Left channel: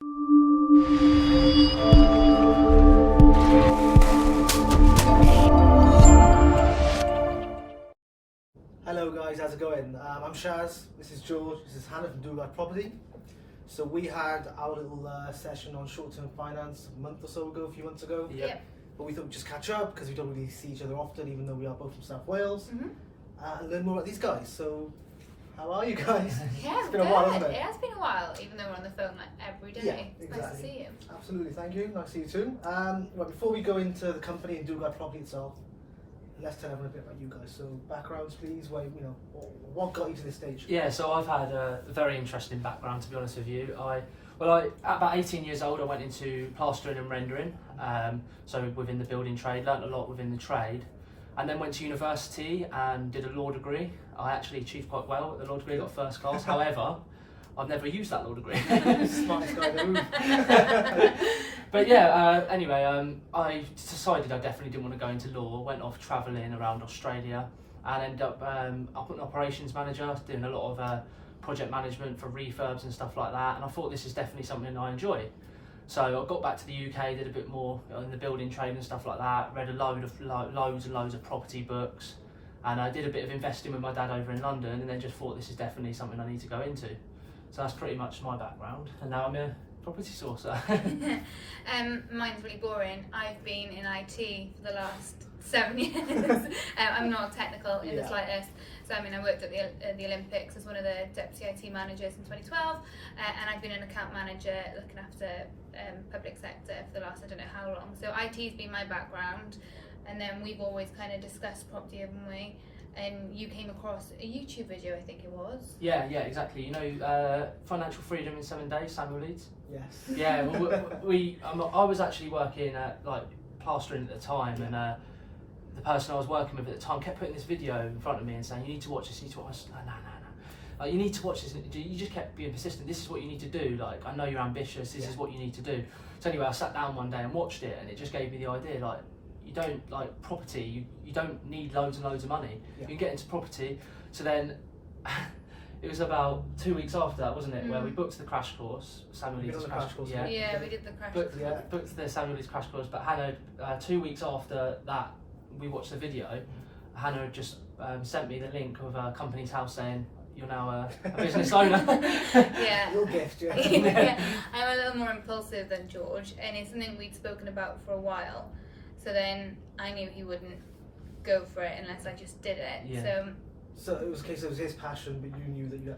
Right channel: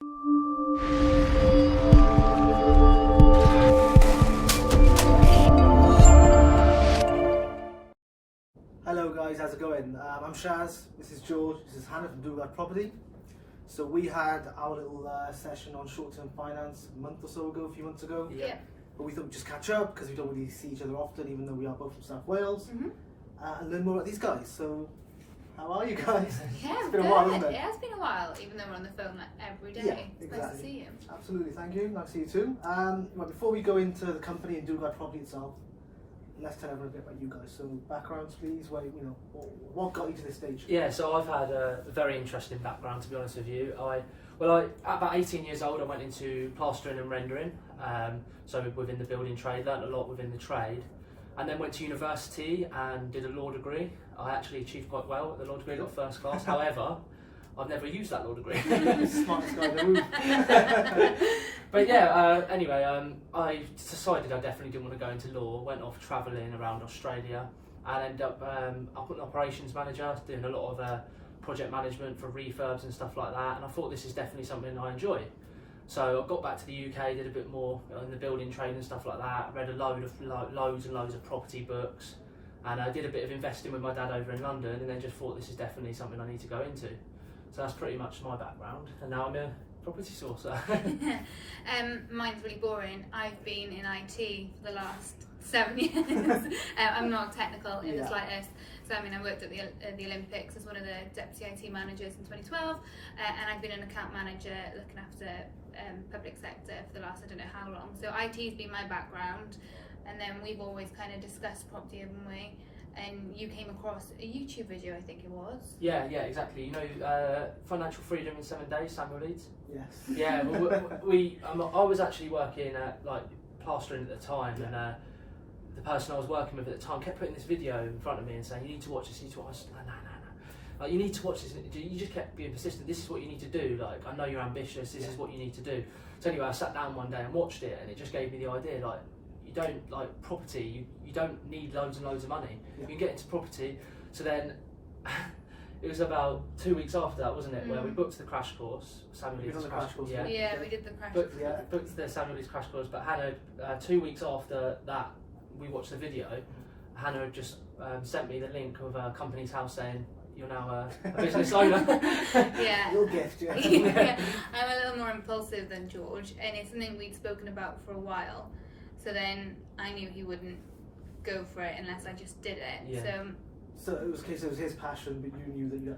Hello guys, how's it going? I'm Shaz, this is George, this is Hannah from Dugard Property. So we had our little session on short-term finance a month or so ago, a few months ago. Yeah. But we thought we'd just catch up because we don't really see each other often, even though we are both from South Wales, and learn more about these guys. So, how are you guys? Yeah, it's been a while, hasn't it? Yeah, it's been a while, even though we're on the phone like every day. Yeah, It's exactly. nice to see you. Absolutely, thank you. Nice to see you too. Right, before we go into the company and Dugard Property itself, let's tell everyone a bit about you guys. So, backgrounds, please. What got you to this stage? Yeah, so I've had a very interesting background, to be honest with you. At about 18 years old, I went into plastering and rendering, so within the building trade, learnt a lot within the trade, and then went to university and did a law degree. I actually achieved quite well at the law degree, got first class. However, I've never used that law degree. Smartest guy in the room. But yeah, anyway, I decided I definitely didn't want to go into law, went off travelling around Australia and ended up an operations manager, doing a lot of project management for refurbs and stuff like that, and I thought this is definitely something I enjoy. So I got back to the UK, did a bit more in the building trade and stuff like that, read loads and loads of property books, and I did a bit of investing with my dad over in London, and then just thought this is definitely something I need to go into. So that's pretty much my background, and now I'm a property sourcer. Mine's really boring. I've been in IT for the last 7 years. I'm not technical in the slightest. So I worked at the Olympics as one of the deputy IT managers in 2012, and I've been an account manager looking after public sector for the last I don't know how long. So IT's been my background, and then we've always kind of discussed property, haven't we? And you came across a YouTube video, I think it was. Yeah, exactly. You know, Financial Freedom in 7 Days, Samuel Leeds? Yes. Yeah, I was actually working at plastering at the time, and the person I was working with at the time kept putting this video in front of me and saying, you need to watch this, you need to watch this. No. Like, you need to watch this. You just kept being persistent. This is what you need to do. Like, I know you're ambitious. This is what you need to do. So anyway, I sat down one day and watched it, and it just gave me the idea, like, you don't like property. You don't need loads and loads of money. You can get into property. So then, it was about 2 weeks after that, wasn't it, where we booked the crash course. Samuel Leeds crash course. Yeah, we did the crash course. Booked the Samuel Leeds crash course. But Hannah, 2 weeks after that, we watched the video. Hannah had just sent me the link of a company's house saying, you're now a business owner. Yeah. Your gift, yeah. Yeah. I'm a little more impulsive than George, and it's something we'd spoken about for a while. So then I knew he wouldn't go for it unless I just did it. Yeah. So it was a case, it was his passion, but you knew that you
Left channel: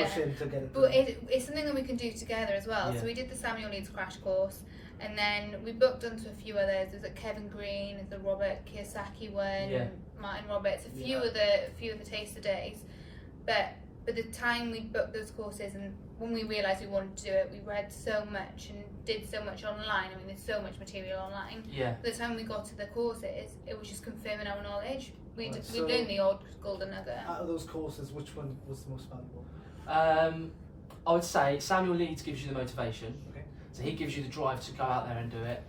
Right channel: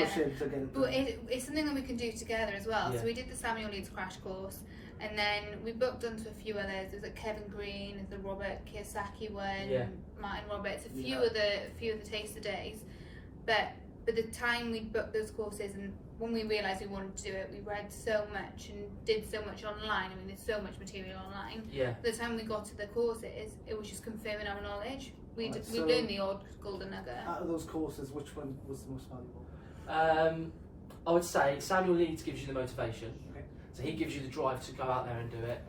had to push him to get it done. But it's something that we can do together as well. Yeah. So we did the Samuel Leeds crash course, and then we booked onto a few others. There was Kevin Green, there's the Robert Kiyosaki one, Martin Roberts, a few of the taster days. But by the time we booked those courses, and when we realised we wanted to do it, we read so much and did so much online. There's so much material online. Yeah. By the time we got to the courses, it was just confirming our knowledge. We So learned the odd golden nugget. Out of those courses, which one was the most valuable? I would say Samuel Leeds gives you the motivation. Okay. So he gives you the drive to go out there and do it.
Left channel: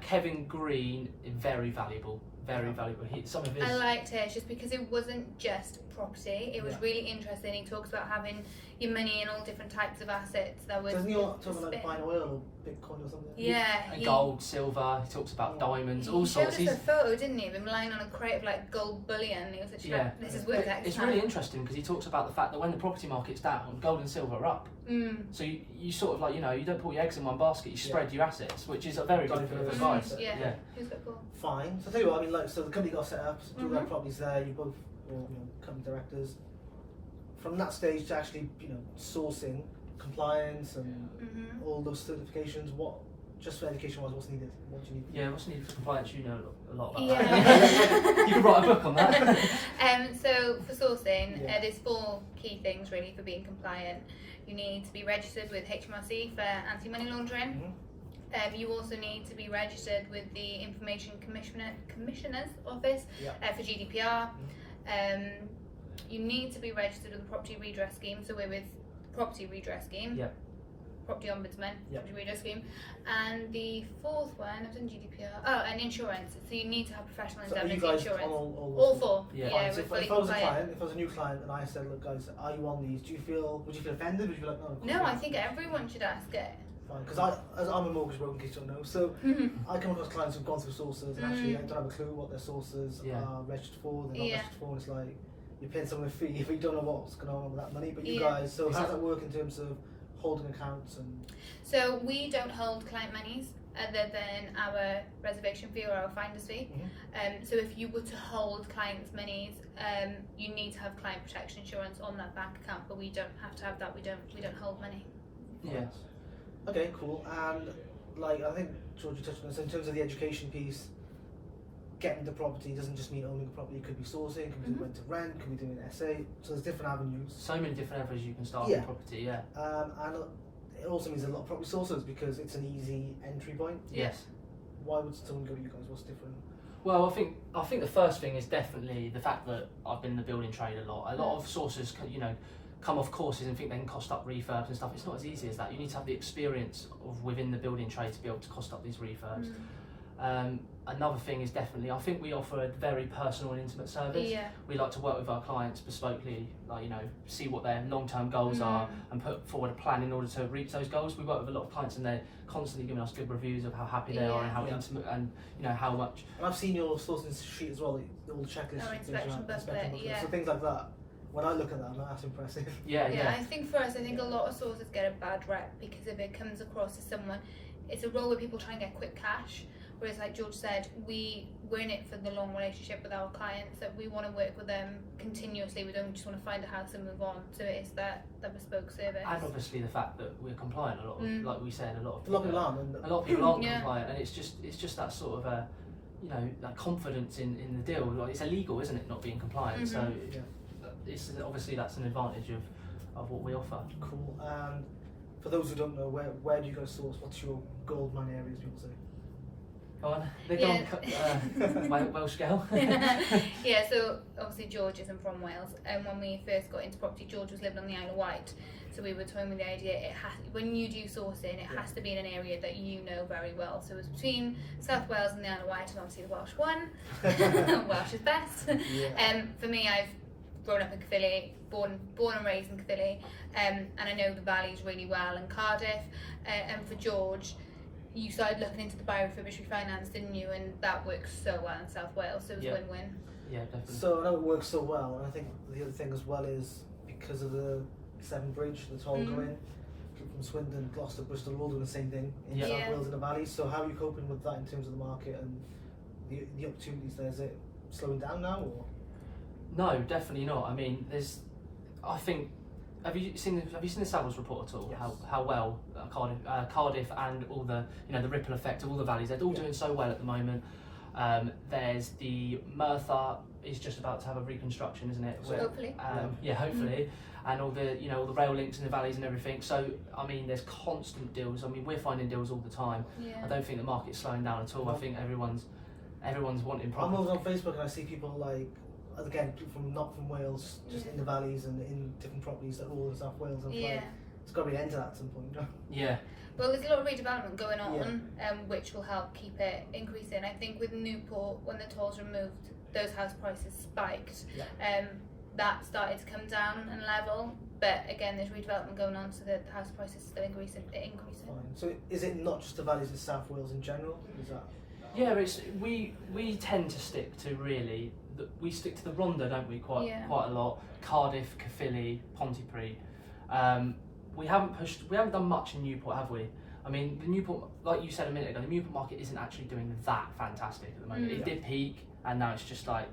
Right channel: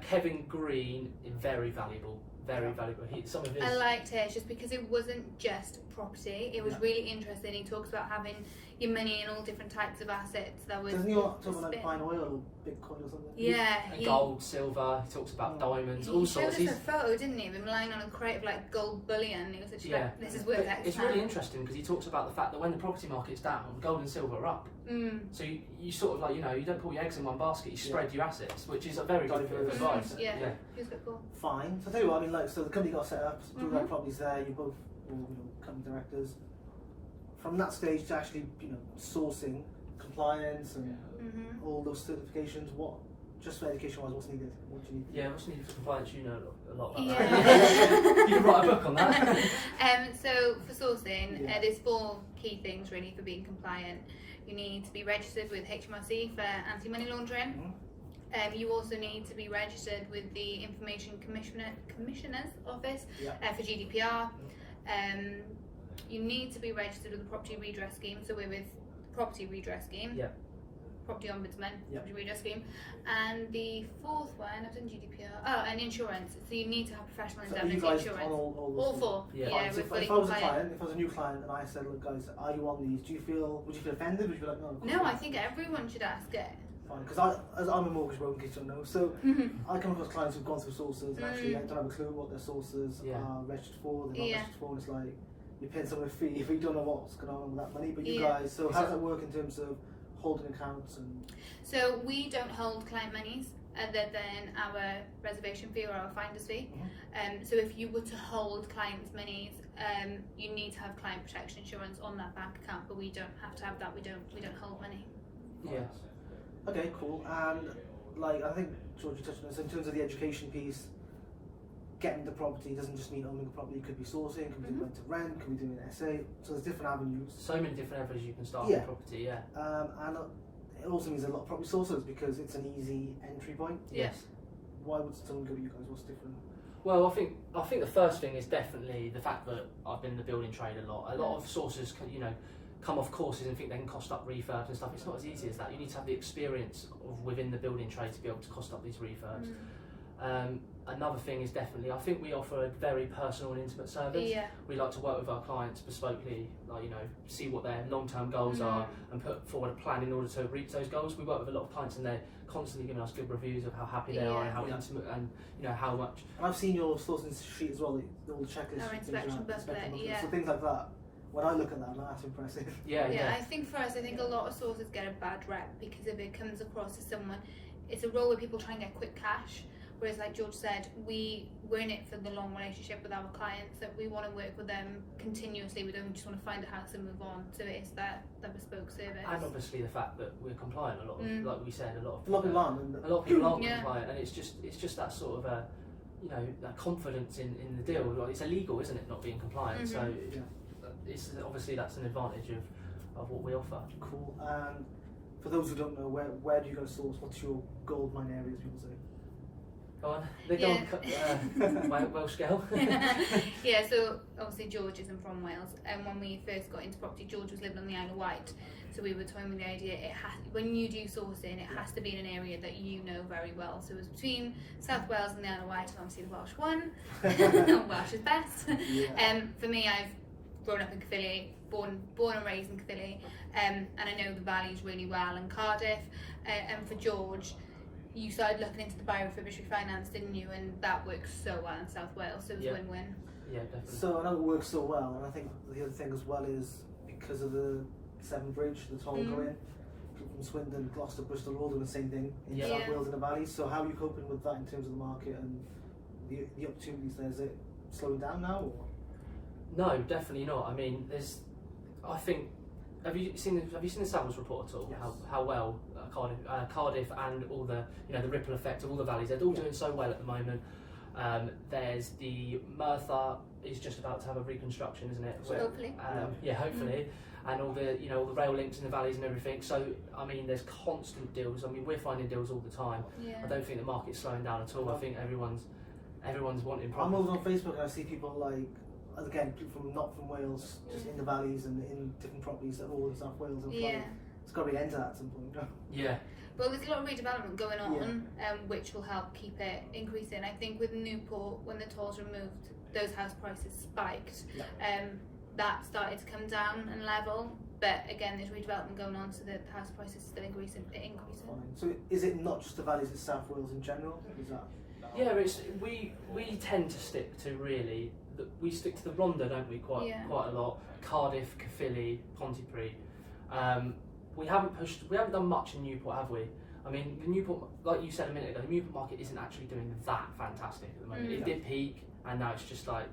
Kevin Green, very valuable. Very valuable. Some of his... I liked it just because it wasn't just property. It was really interesting. He talks about having your money in all different types of assets. Doesn't he talk about like buying oil or Bitcoin or something? Yeah. Gold, silver. He talks about diamonds, all He sorts. showed us a photo, didn't he, of him lying on a crate of like gold bullion. He was literally like, this is worth X. It's really interesting because he talks about the fact that when the property market's down, gold and silver are up. So you sort of you don't put your eggs in one basket. You spread your assets, which is a very good advice. Yeah. He was quite cool. Fine. So tell you what, so the company got set up, Dugard Properties there, you both company directors. From that stage to actually, sourcing, compliance and all those certifications, just for education wise, what's needed? What do you need? Yeah, what's needed for compliance, you know a lot about Yeah. that. You can write a book on that. So for sourcing, there's 4 key things really for being compliant. You need to be registered with HMRC for anti-money laundering. You also need to be registered with the Information Commissioner's Office for GDPR. You need to be registered with the Property Redress Scheme, so we're with Property Redress Scheme. Property Ombudsman, Property Redress Scheme. And the 4th one, I've done GDPR, and insurance. So you need to have professional indemnity insurance. All 4. Yeah, we're fully if I was a compliant. client, if I was a new client and I said, look guys, are you on these? Would you feel offended? Would you be like, no? No, I think everyone should ask it. fine. Because I'm a mortgage broker, in case you don't know. So I come across clients who've gone through sources and actually don't have a clue what their sources are registered for. They're not registered for. And it's like you're paying someone a fee if you don't know what's going on with that money. But you guys, so how does that work in terms of holding accounts and? So we don't hold client monies other than our reservation fee or our finder's fee. So if you were to hold clients' monies, you need to have client protection insurance on that bank account, but we don't have to have that. We don't hold money. Yes. Okay, cool. And like I think George, you touched on this in terms of the education piece. Getting the property doesn't just mean owning a property. It could be sourcing, could be doing rent to rent, could be doing an SA. So there's different avenues. So many different avenues you can start with property. Yeah. And it also means a lot of property sources because it's an easy entry point. Yes. Why would someone go to you guys? What's different? Well, I think the first thing is definitely the fact that I've been in the building trade a lot. A lot of sources, come off courses and think they can cost up refurbs and stuff. It's not as easy as that. You need to have the experience of within the building trade to be able to cost up these refurbs. Another thing is definitely, I think we offer a very personal and intimate service. We like to work with our clients bespokely, see what their long-term goals are and put forward a plan in order to reach those goals. We work with a lot of clients and they're constantly giving us good reviews of how happy they are and how intimate and how much. And I've seen your sourcing sheet as well, all the checklists. Our inspection booklet, So things like that. When I look at that, that's impressive. I think for us, a lot of sources get a bad rep because if it comes across as someone, it's a role where people try and get quick cash. Whereas, like George said, we're in it for the long relationship with our clients, that we want to work with them continuously. We don't just want to find a house and move on. So it's that bespoke service. And obviously the fact that we're compliant a lot of, like we said, a lot of people aren't compliant, and it's just that sort of that confidence in the deal. Like, it's illegal, isn't it, not being compliant? So it's obviously that's an advantage of what we offer. Cool. And for those who don't know, where do you go source? What's your gold mine areas? People say. They don't my Welsh girl. So obviously George isn't from Wales, and when we first got into property, George was living on the Isle of Wight, so we were toying with the idea when you do sourcing, it has to be in an area that you know very well. So it was between South Wales and the Isle of Wight, and obviously the Welsh won. Welsh is best. For me, I've grown up in Caerphilly, born and raised in Caerphilly, and I know the valleys really well, and Cardiff, and for George, you started looking into the buy refurbish refinance, didn't you? And that works so well in South Wales, so it was win-win. Yeah, definitely. So I know it works so well, and I think the other thing as well is because of the Severn Bridge, the toll go in, people from Swindon, Gloucester, Bristol, all doing the same thing in South Wales and the valleys. So how are you coping with that in terms of the market and the opportunities there? Is it slowing down now? Or? No, definitely not. I mean, I think. Have you seen the Savills report at all? Yes. How well Cardiff and all the the ripple effect of all the valleys, they're all doing so well at the moment. There's the Merthyr is just about to have a reconstruction, isn't it? Hopefully. Hopefully. And all the all the rail links in the valleys and everything. So I mean, there's constant deals. I mean, we're finding deals all the time. I don't think the market's slowing down at all. I think everyone's wanting property. I'm over on Facebook and I see people like. Again, not from Wales, just in the valleys and in different properties that are all in South Wales. And it's got to be an end to that at some point. Yeah. Well, there's a lot of redevelopment going on, which will help keep it increasing. I think with Newport, when the tolls removed, those house prices spiked. That started to come down and level. But again, there's redevelopment going on, so the house prices still increasing. Fine. So is it not just the valleys, it's South Wales in general? Is that? Yeah, we tend to stick to we stick to the Rhondda, don't we? Quite a lot. Cardiff, Caerphilly, Pontypridd. We haven't done much in Newport, have we? I mean, the Newport, like you said a minute ago, the Newport market isn't actually doing that fantastic at the moment. It did peak, and now it's just like,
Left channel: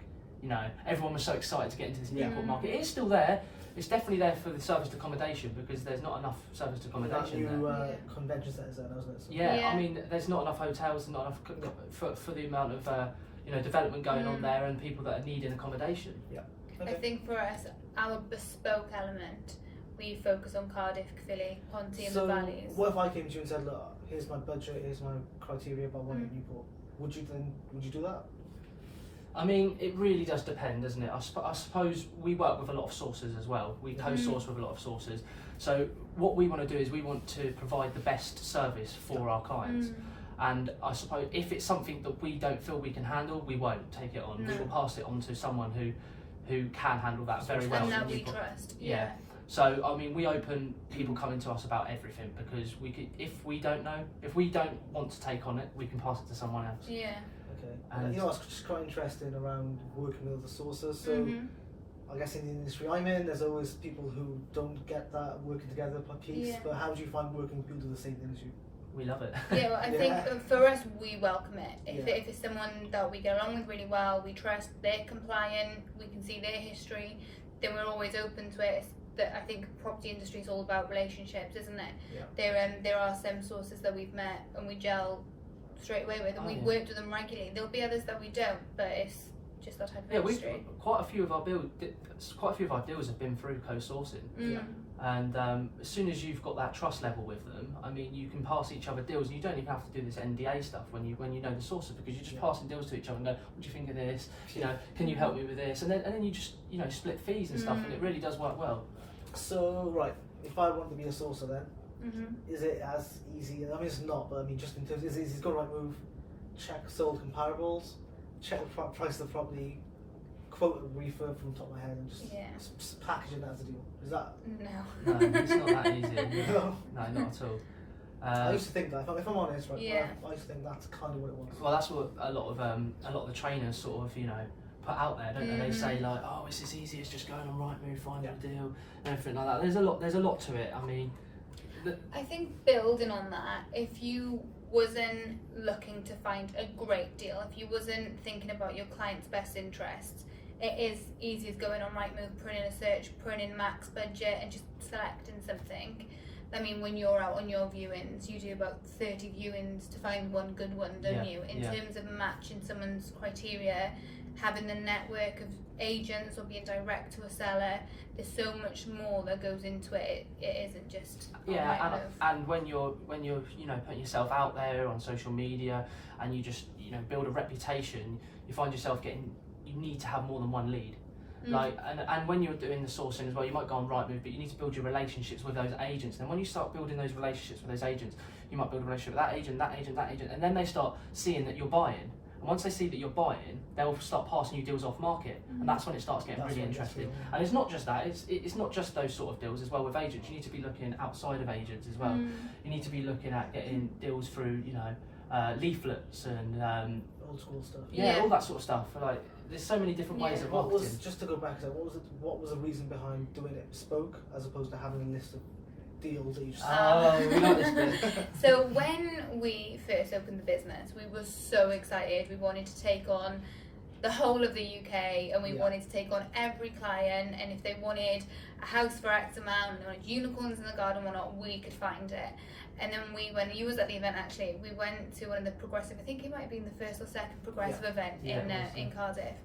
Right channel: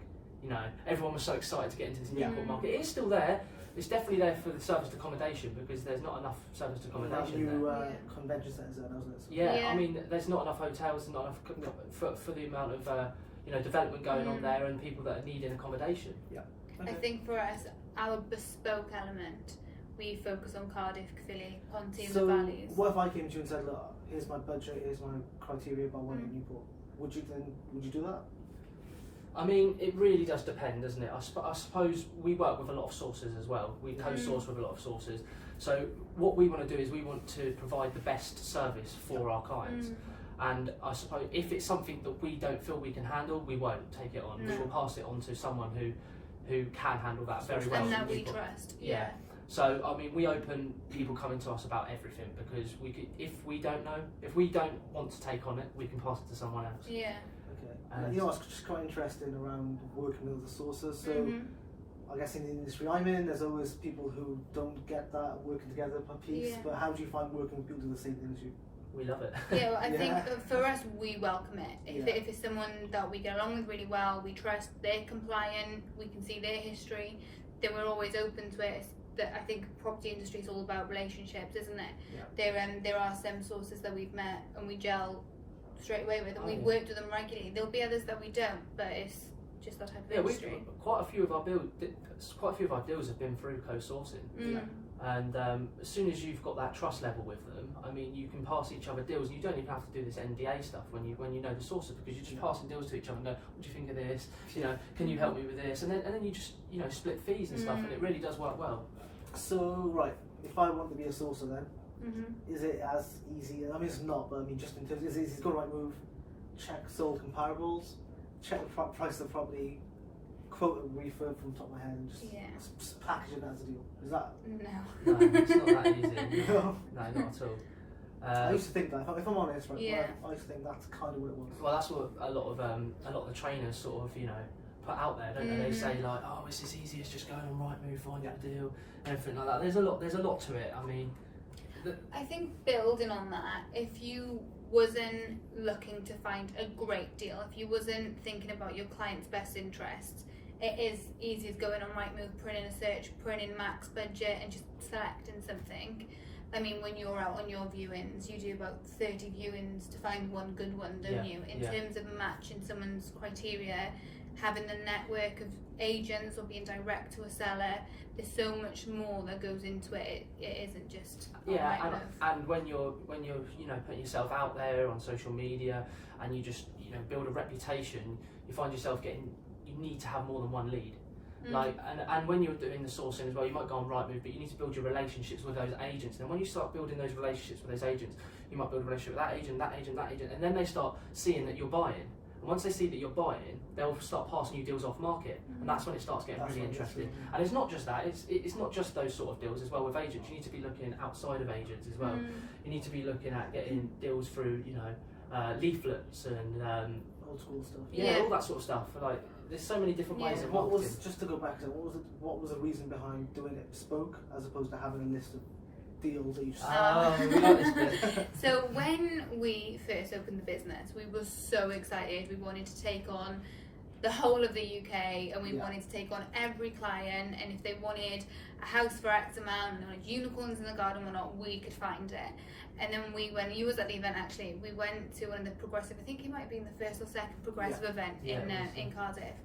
everyone was so excited to get into this Newport market. It is still there. It's definitely there for the serviced accommodation because there's not enough serviced accommodation there. Convention centres there, doesn't it? So I mean, there's not enough hotels, not enough for the amount of development going on there and people that are needing accommodation. I think for us, our bespoke element, we focus on Cardiff, Caerphilly, Ponty and the valleys. What if I came to you and said, look, here's my budget, here's my criteria if I want at Newport? Would you do that? I mean, it really does depend, doesn't it? I suppose we work with a lot of sources as well. We co-source with a lot of sources. So what we want to do is we want to provide the best service for our clients. And I suppose if it's something that we don't feel we can handle, we won't take it on. We will pass it on to someone who can handle that very well. And that we trust. So I mean, we open people coming to us about everything, because if we don't want to take on it, we can pass it to someone else. Yeah. Okay. And It's just quite interesting around working with other sources. So I guess in the industry I'm in, there's always people who don't get that working together piece. Yeah. But how do you find working with people who do the same thing as you? we love it. Yeah, well, I think for us, we welcome it. If, Yeah. if it's someone that we get along with really well, we trust, they're compliant, we can see their history, then we're always open to it. That I think property industry is all about relationships, isn't it? Yeah. There are some sources that we've met and we gel straight away with, and we've worked with them regularly. There'll be others that we don't, but it's just that type of industry. Quite a few of our deals have been through co-sourcing. Yeah. And as soon as you've got that trust level with them, I mean, you can pass each other deals. And you don't even have to do this NDA stuff when you know the sources, because you're just passing deals to each other and go, what do you think of this? You know, can you help me with this? And then you just split fees and stuff, and it really does work well. So right, if I want to be a sourcer, then is it as easy? I mean, it's not, but I mean, just in terms, is it go right move, check sold comparables, check the price of the property, quote a refurb from the top of my head, and just package it as a deal? Is that? No. No, it's not that easy. No. No, not at all. I used to think that. If I'm honest, right? Yeah. I used to think that's kind of what it was. Well, that's what a lot of the trainers sort of put out there, don't they? They say like, oh, it's as easy as just going on Rightmove, finding a deal, and everything like that. There's a lot to it. I mean, I think building on that, if you wasn't looking to find a great deal, if you wasn't thinking about your client's best interests, it is easy as going on Rightmove, putting in a search, putting in max budget, and just selecting something. I mean, when you're out on your viewings, you do about 30 viewings to find one good one, don't you? In terms of matching someone's criteria, having the network of agents or being direct to a seller, there's so much more that goes into it. It isn't just and when you're putting yourself out there on social media, and you just build a reputation, you find yourself you need to have more than one lead. Like, and when you're doing the sourcing as well, you might go on Rightmove, but you need to build your relationships with those agents. And when you start building those relationships with those agents, you might build a relationship with that agent, and then they start seeing that you're buying. And once they see that you're buying, they'll start passing you deals off market, and that's when it starts getting really interesting. And it's not just that; it's not just those sort of deals as well. With agents, you need to be looking outside of agents as well. You need to be looking at getting deals through, leaflets and old school stuff. All that sort of stuff. Like, there's so many different ways of marketing. Just to go back to that, what was the reason behind doing it bespoke as opposed to having a list of deals that you just we like this bit. So when we first opened the business, we were so excited. We wanted to take on the whole of the UK, and we wanted to take on every client, and if they wanted a house for X amount, and they wanted unicorns in the garden or not, we could find it. And then you was at the event actually, we went to one of the progressive, I think it might have been the first or second progressive event in Cardiff,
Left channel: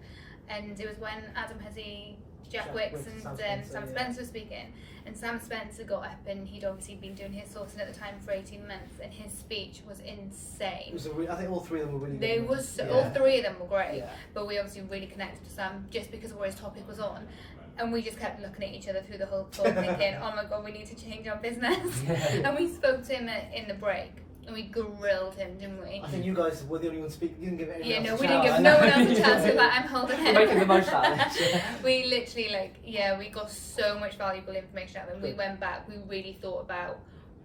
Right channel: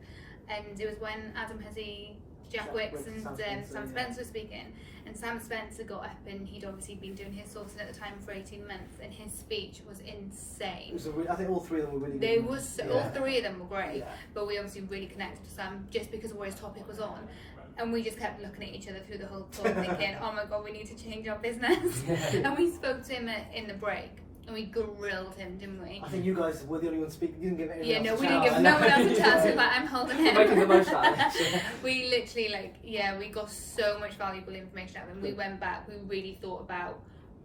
and it was when Adam Hazy, Jack Wicks and Sam Spencer were speaking, and Sam Spencer got up, and he'd obviously been doing his sourcing at the time for 18 months, and his speech was insane. I think all three of them were really good. All three of them were great, but we obviously really connected to Sam just because of where his topic was on. And we just kept looking at each other through the whole talk thinking, oh my god, we need to change our business. And we spoke to him in the break, and we grilled him, didn't we? I think you guys were the only ones speaking. You didn't give anyone else we didn't give no one else a chance. So I'm holding him. We're making the most out of it. We literally we got so much valuable information out of him. We went back, we really thought about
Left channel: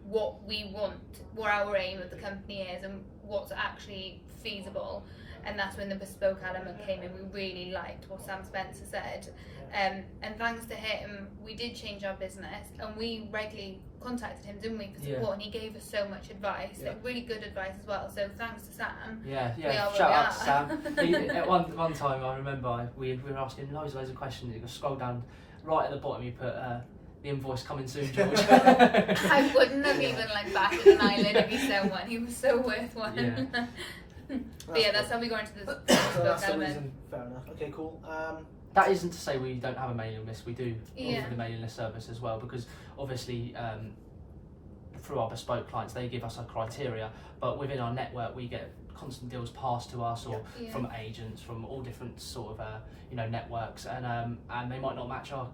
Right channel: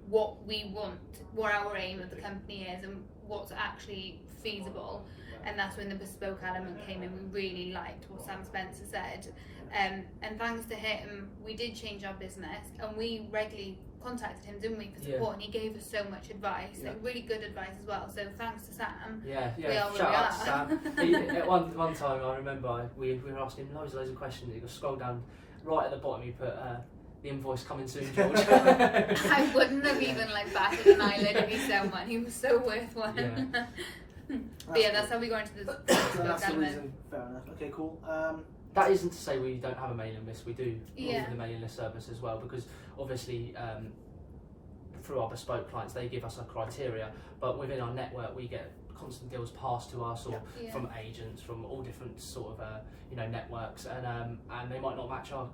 what we want, what our aim of the company is, and what's actually feasible. And that's when the bespoke element came in. We really liked what Sam Spencer said. And thanks to him, we did change our business, and we regularly contacted him, didn't we, for support, and he gave us so much advice, really good advice as well. So thanks to Sam. We are Shout out to Sam. At one time, I remember we were asking loads of questions. You scroll down right at the bottom, you put the invoice coming soon, George. I wouldn't have even batted an eyelid if he sent one. He was so worth one. But that's how we got into the that's the reason. Fair enough. Okay, cool. That isn't to say we don't have a mailing list. We do offer the mailing list service as well, because obviously through our bespoke clients, they give us a criteria, but within our network we get constant deals passed to us, or from agents from all different sort of networks, and they might not match our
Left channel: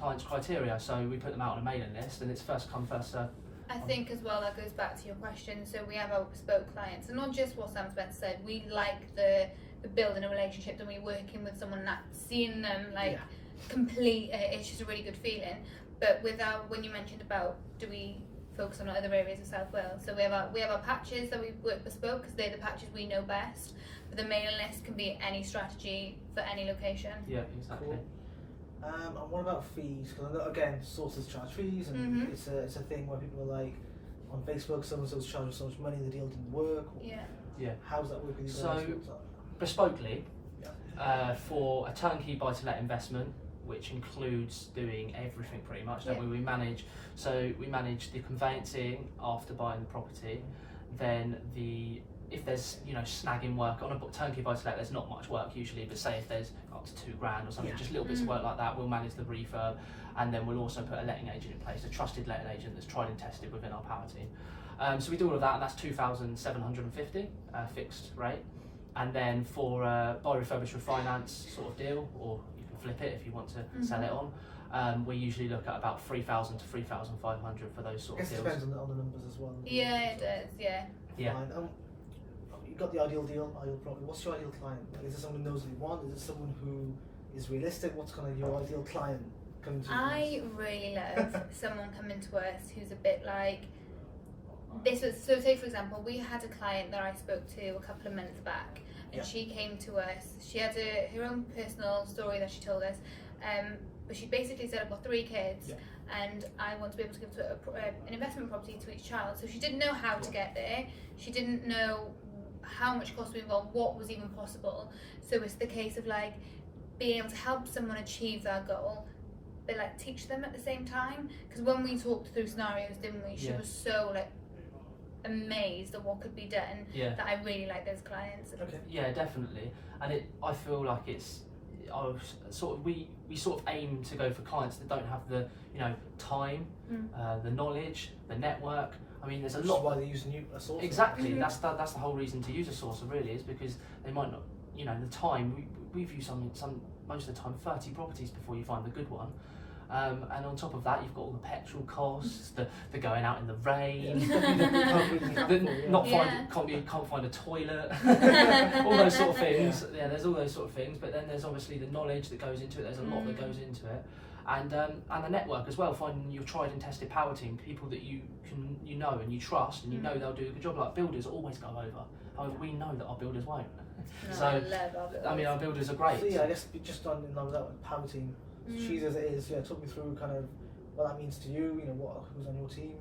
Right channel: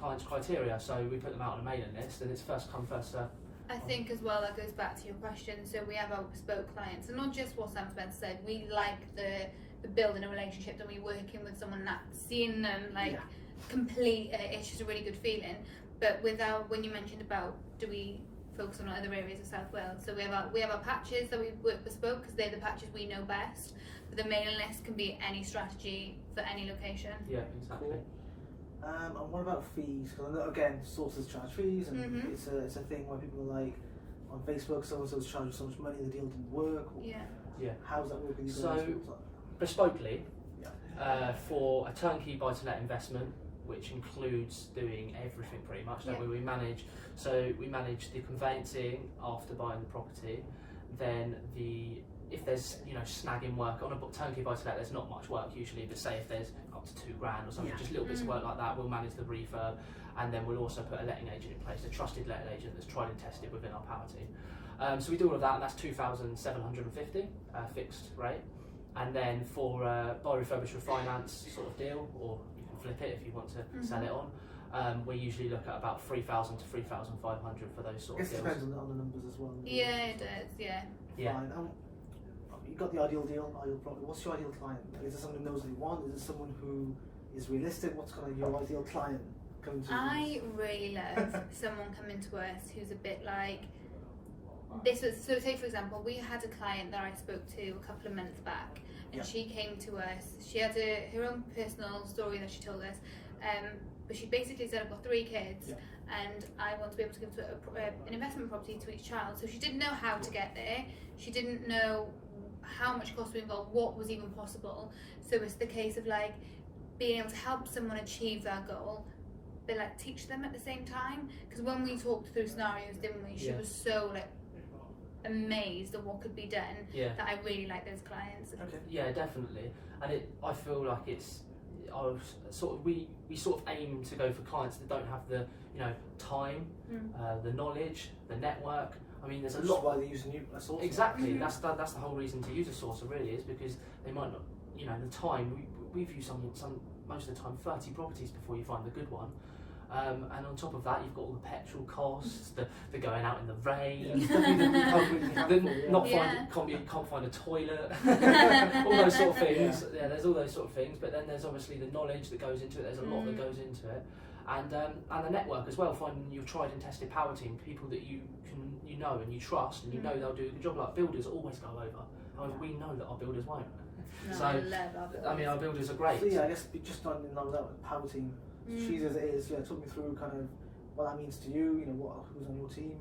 clients' criteria, so we put them out on a mailing list, and it's first come first served. I think as well that goes back to your question. So we have our bespoke clients, and not just what Sam Spencer said. We like the building a relationship, and we working with someone that seeing them complete. It's just a really good feeling. But when you mentioned about, do we focus on other areas of South Wales? So we have our patches that we work bespoke because they're the patches we know best. But the mailing list can be any strategy for any location. Yeah, exactly. Cool. And what about fees? Because I know, again, sources charge fees, and it's a thing where people are like, on Facebook, so and so's charging so much money, the deal didn't work. Yeah. Yeah. How does that work with you guys? So, bespokely, for a turnkey buy-to-let investment, which includes doing everything pretty much, that we manage. So we manage the conveyancing after buying the property, then if there's snagging work on a turnkey buy-to-let, there's not much work usually, but say if there's up to £2,000 or something, just little bits of work like that, we'll manage the refurb, and then we'll also put a letting agent in place, a trusted letting agent that's tried and tested within our power team. So we do all of that, and that's 2,750 fixed rate. And then for buy refurbish refinance sort of deal, or you can flip it if you want to sell it on, we usually look at about 3,000 to 3,500 for those sort of deals. It depends on the numbers as well. Yeah, it does. Yeah. Fine. You've got the ideal deal, ideal property. What's your ideal client? Is it someone who knows what they want? Is it someone who is realistic? What's kind of your ideal client coming to? I really love someone coming to us who's a bit like this. So say for example, we had a client that I spoke to a couple of months back, and she came to us. She had her own personal story that she told us, but she basically said, I've got 3 kids, and I want to be able to give an investment property to each child. So she didn't know how to get there. She didn't know how much cost would involve, what was even possible. So it's the case of like being able to help someone achieve that goal, but like teach them at the same time. Because when we talked through scenarios, didn't we? She was so like amazed at what could be done that I really like those clients. Okay. Yeah, definitely. And I feel like we sort of aim to go for clients that don't have the time, the knowledge, the network. I mean, there's a lot. Why they use a source. Exactly. That's the whole reason to use a sourcer really, is because they might not, the time. We view some most of the time 30 properties before you find the good one. And on top of that, you've got all the petrol costs, the going out in the rain, can't find a toilet, all those sort of things. Yeah, there's all those sort of things. But then there's obviously the knowledge that goes into it. There's a lot that goes into it, and the network as well. Finding your tried and tested power team, people that you know and you trust, and you know they'll do a good job. Like builders always go over. However, we know that our builders won't. No, so I love our builders. I mean, our builders are great. So yeah, I guess just on that power team. She's as it is. Talk me through kind of what that means to you. Who's on your team.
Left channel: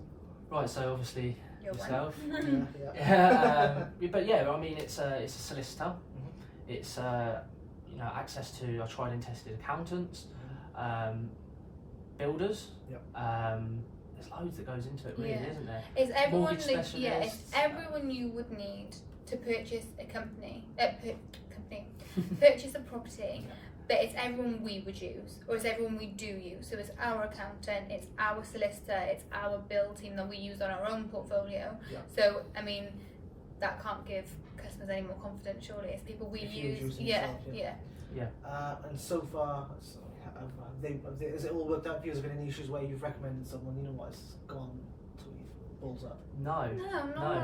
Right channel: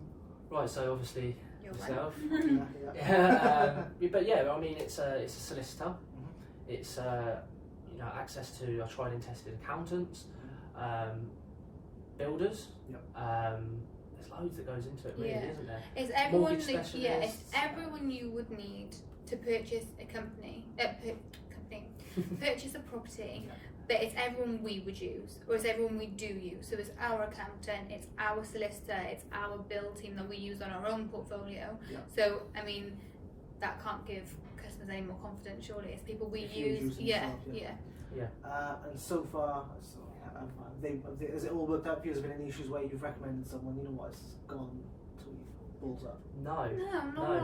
Right. So obviously yourself. But yeah, I mean, it's a solicitor. It's access to our tried and tested accountants, builders. There's loads that goes into it, really, isn't there? It's everyone. It's everyone you would need to purchase a purchase a property. But it's everyone we would use, or it's everyone we do use. So it's our accountant, it's our solicitor, it's our build team that we use on our own portfolio. So I mean, that can't give customers any more confidence. Surely it's people we use. And so far, has it all worked out for you? Has there been any issues where you've recommended someone? It's gone till you've balls up. No.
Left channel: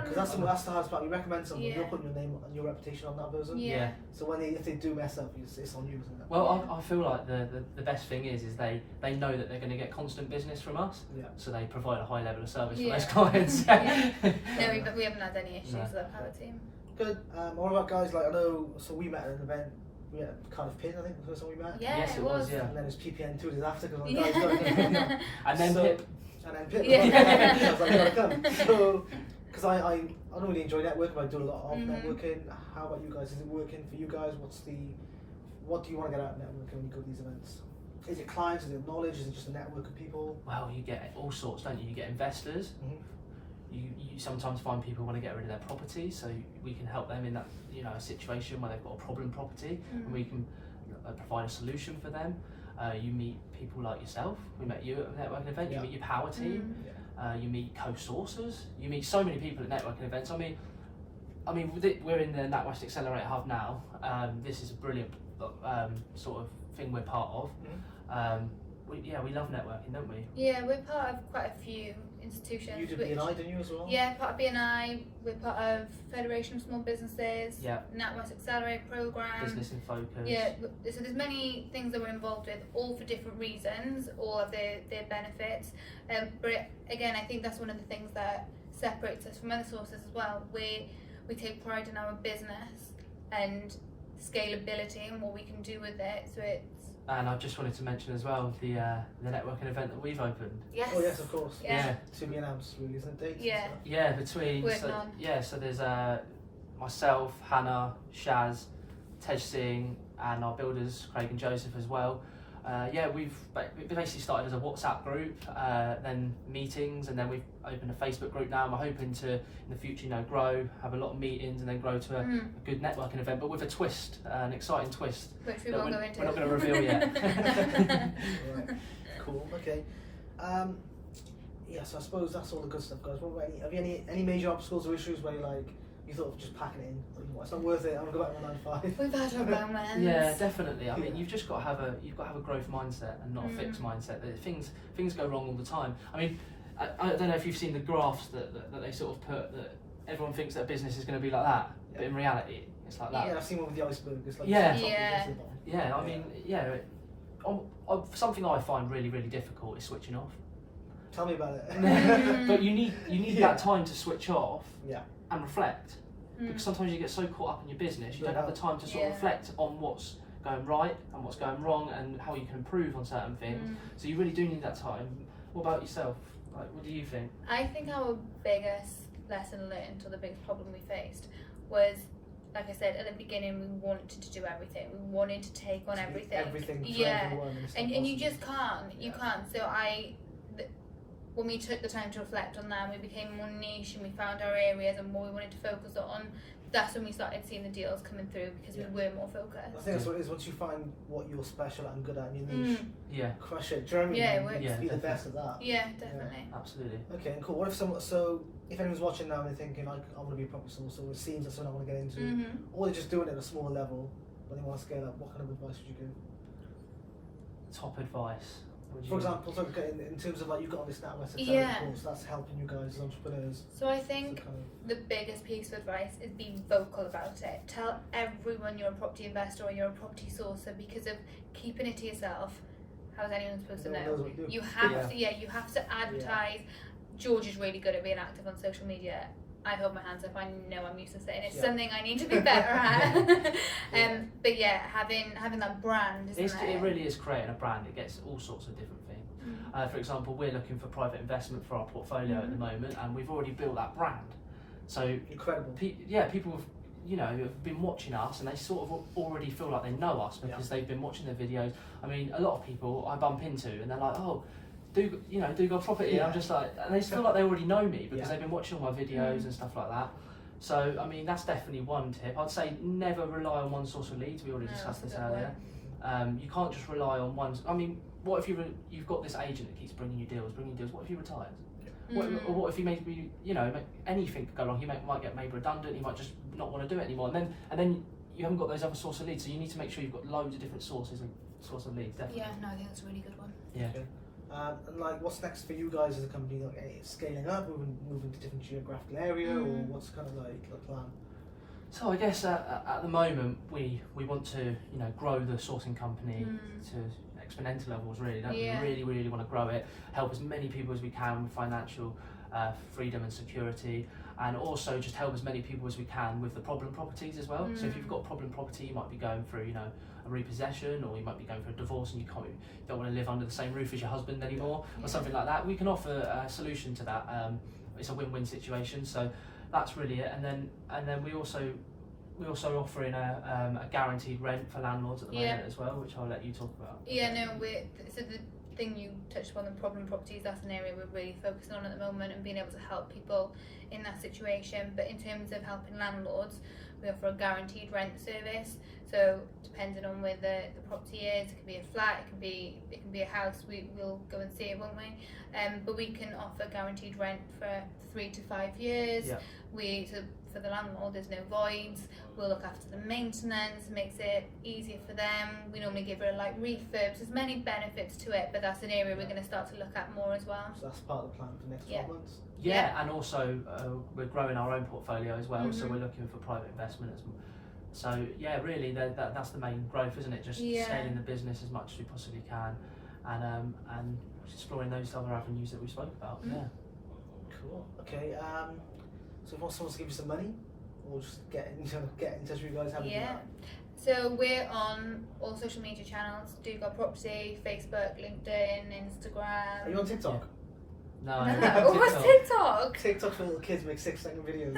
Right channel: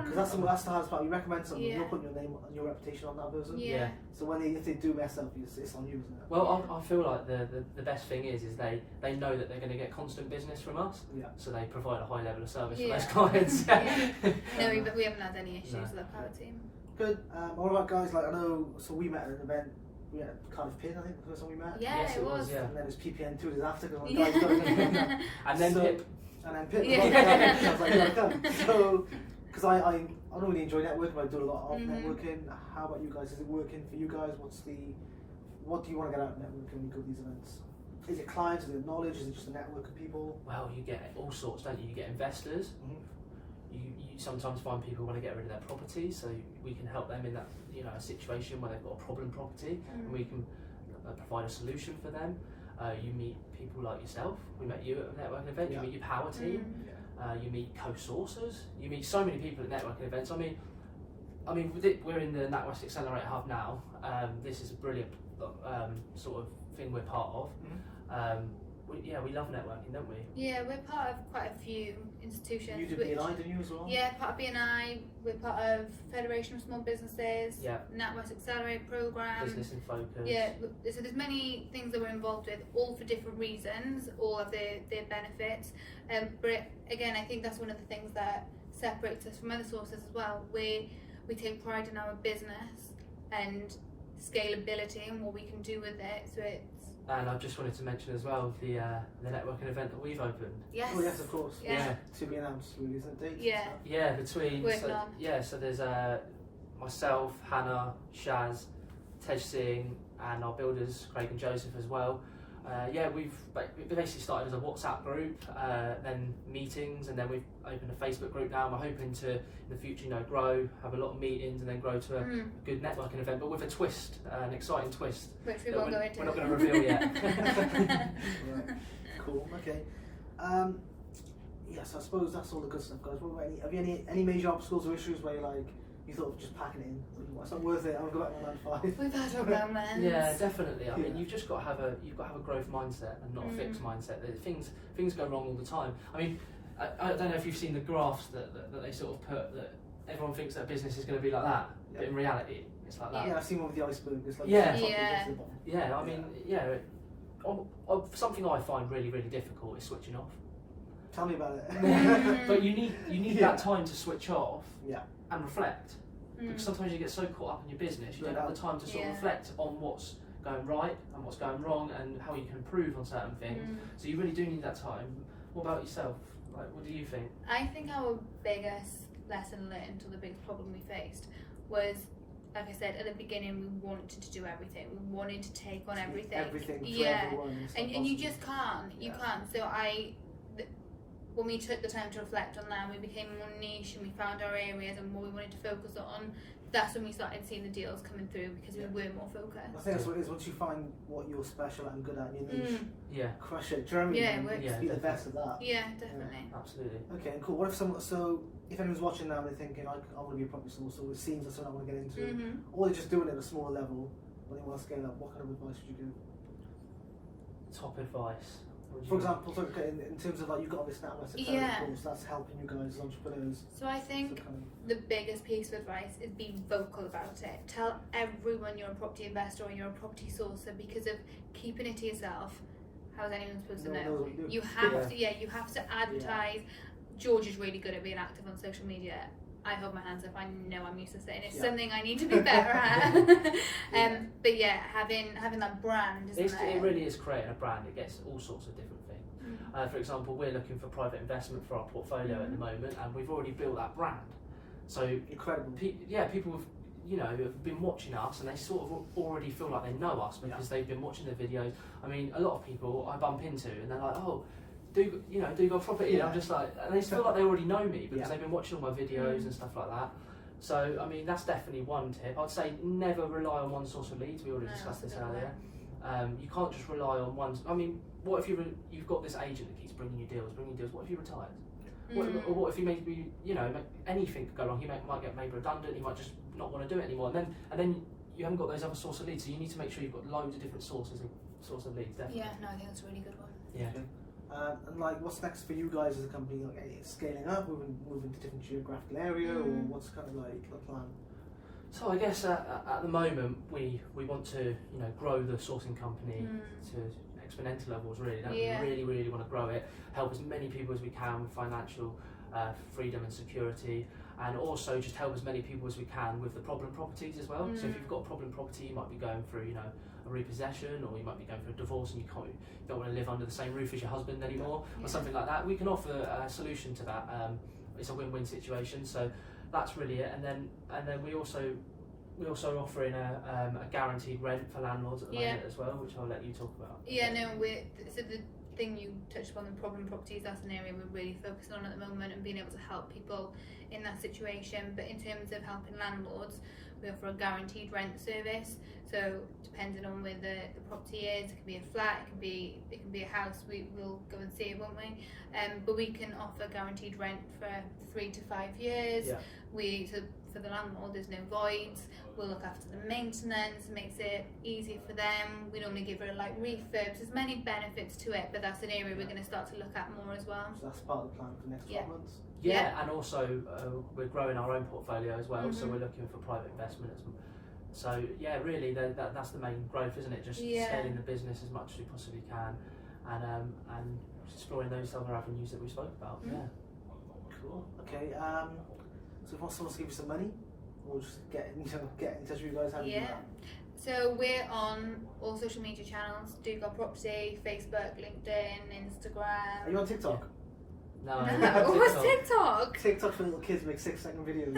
Because that's the hardest part. You recommend someone, you're putting your name and your reputation on that person. So if they do mess up, it's on you, isn't it? Well, I feel like the best thing is they know that they're going to get constant business from us. So they provide a high level of service for those clients. No, but we haven't had any issues with our power team. Good. What about guys like, I know, so we met at an event. We had Cardiff Pin, I think, the first time we met. Yes, it was. And then it was PPN 2 days after, because one of the guys got it. And then Pip. And then Pip. I was like, you gotta come. So, because I don't really enjoy networking, but I do a lot of networking. How about you guys? Is it working for you guys? What do you want to get out of networking when you go to these events? Is it clients? Is it knowledge? Is it just a network of people? Well, you get all sorts, don't you? You get investors. You sometimes find people want to get rid of their property, so we can help them in that situation when they've got a problem property, and we can provide a solution for them. You meet people like yourself. We met you at a networking event. You meet your power team. You meet co-sourcers. You meet so many people at networking events. I mean, we're in the NatWest Accelerate Hub now. This is a brilliant sort of thing we're part of. we love networking, don't we? Yeah, we're part of quite a few institutions. You did BNI, didn't you, as well? Yeah, part of BNI. We're part of Federation of Small Businesses. Yeah. NatWest Accelerate program. Business in Focus. Yeah, so there's many things that we're involved with, all for different reasons, all of their benefits. But again, I think that's one of the things that separates us from other sources as well. We take pride in our business and scalability and what we can do with it. So it's. And I just wanted to mention as well the networking event that we've opened. Yes. Oh yes, of course. Yeah. To be announced, really, isn't it? Dates and Yeah. stuff? Yeah, between Working on. so there's myself, Hannah, Shaz, Tej Singh, and our builders Craig and Joseph as well. We basically started as a WhatsApp group, then meetings, and then we've opened a Facebook group now. And we're hoping to, in the future, grow, have a lot of meetings, and then grow to a good networking event, but with a twist, an exciting twist. Which we won't go into. We're not going to reveal yet. Right. Cool. Okay. So I suppose that's all the good stuff, guys. What about have you any major obstacles or issues where you thought of just packing it in? It's not worth it. I'm gonna go back to 9 to 5. We've had our moments. Yeah, definitely. I mean, you've just got to have a growth mindset and not a fixed mindset. Things go wrong all the time. I mean, I don't know if you've seen the graphs that they sort of put that everyone thinks that a business is going to be like that, but in reality, it's like that. Yeah, I've seen one with the iceberg. It's like Yeah. I mean, something I find really, really difficult is switching off. Tell me about it. But you need that time to switch off and reflect. Because sometimes you get so caught up in your business, you don't have the time to sort of reflect on what's going right and what's going wrong and how you can improve on certain things. So you really do need that time. What about yourself? Like, what do you think? I think our biggest lesson learned, or the biggest problem we faced, was, like I said at the beginning, we wanted to do everything. We wanted to take on everything. Everything for everyone. And you just can't. You can't. So when we took the time to reflect on that, we became more niche and we found our areas and what we wanted to focus on. That's when we started seeing the deals coming through because we were more focused. I think that's what it is. Once you find what you're special at and good at in your niche, crush it. Do you know what I mean? Be the best at that. Yeah, definitely. Yeah, absolutely. Okay, cool. What if if anyone's watching now and they're thinking, I want to be a property source, or it seems that's something I want to get into, or they're just doing it at a smaller level, but they want to scale up, what kind of advice would you give? Top advice. For example, in terms of you've got all this NatWest course, that's helping you guys as entrepreneurs. So I think the biggest piece of advice is be vocal about it. Tell everyone you're a property investor or you're a property sourcer, because of keeping it to yourself, how is anyone supposed to know? You have to advertise. George is really good at being active on social media. I hold my hands up. I know I'm used to it. It's something I need to be better at. But having that brand, it really is creating a brand. It gets all sorts of different things. For example, we're looking for private investment for our portfolio at the moment, and we've already built that brand. So incredible. People have been watching us, and they sort of already feel like they know us because they've been watching the videos. I mean, a lot of people I bump into, and they're like, "Oh, Dugard property." I'm just like, and they feel like they already know me because they've been watching all my videos and stuff like that. So I mean, that's definitely one tip. I'd say never rely on one source of leads. We already discussed this earlier. You can't just rely on one. I mean, what if you've got this agent that keeps bringing you deals? What if he retires? What if he maybe anything could go wrong? He might get made redundant. He might just not want to do it anymore. And then you haven't got those other source of leads. So you need to make sure you've got loads of different sources of leads. Definitely. Yeah, no, I think that's a really good one. Yeah. Okay. And what's next for you guys as a company? Scaling up, moving to different geographical area, or what's kind of the plan? So I guess at the moment we want to grow the sourcing company to exponential levels. Really, we really want to grow it. Help as many people as we can with financial freedom and security, and also just help as many people as we can with the problem properties as well. So if you've got a problem property, you might be going through a repossession, or you might be going through a divorce and you don't want to live under the same roof as your husband anymore, or something like that. We can offer a solution to that. It's a win-win situation, so that's really it. And then we also offering a guaranteed rent for landlords at the moment as well, which I'll let you talk about. So the thing you touched upon, the problem properties, that's an area we're really focusing on at the moment, and being able to help people in that situation. But in terms of helping landlords, we offer a guaranteed rent service. So depending on where the property is, it can be a flat, it can be a house. We'll go and see it, won't we? But we can offer guaranteed rent for 3 to 5 years. Yeah. So for the landlord, there's no voids. We'll look after the maintenance, makes it easier for them. We normally give her like refurbs. There's many benefits to it, but that's an area we're going to start to look at more as well. So that's part of the plan for the next 12 months. Yeah, and also we're growing our own portfolio as well, so we're looking for private investment as well. So yeah, really that's the main growth, isn't it? Just scaling the business as much as we possibly can, and exploring those other avenues that we spoke about. Yeah. Cool. Okay. So if someone wants to give you some money, we'll just get in touch with you guys. How do you do that? So we're on all social media channels: Dugard Property, Facebook, LinkedIn, Instagram. Are you on TikTok? No. What's TikTok? TikTok for little kids make 6-second videos.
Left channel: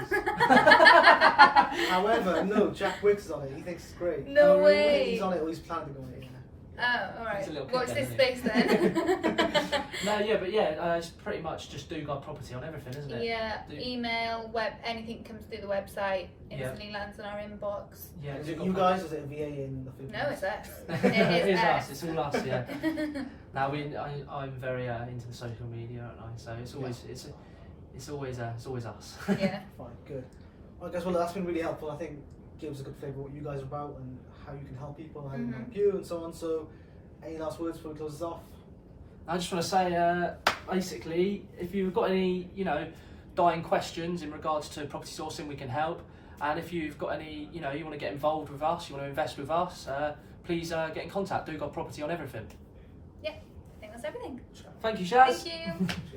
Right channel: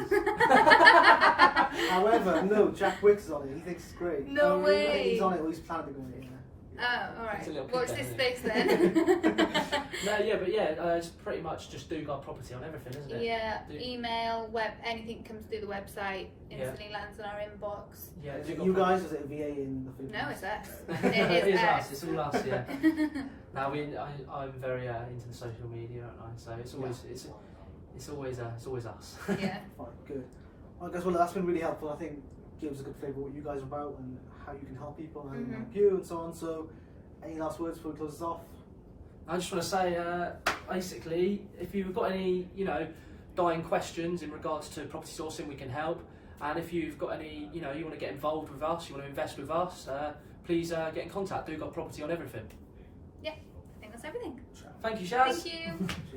However, no, Jack Wicks is on it. He thinks it's great. No way. He's on it, or he's planning to go on it. Oh, alright. Watch kid this then, space then. It's pretty much just Dugard Property on everything, isn't it? Yeah, email, web, anything comes through the website, instantly lands in our inbox. Yeah, is it you guys, or is it a VA in the food? No, it's us. It is us. It's all us. Yeah. Now I'm very into the social media, aren't I? So it's always us. Yeah. Fine, good. Well, guys, that's been really helpful. I think gives us a good flavour of what you guys are about and how you can help people and how you can help you and so on. So, any last words before we close this off? I just want to say, basically, if you've got any, dying questions in regards to property sourcing, we can help. And if you've got any, you want to get involved with us, you want to invest with us, please get in contact. Dugard Property on everything. Yeah, I think that's everything. Thank you, Shaz. Thank you.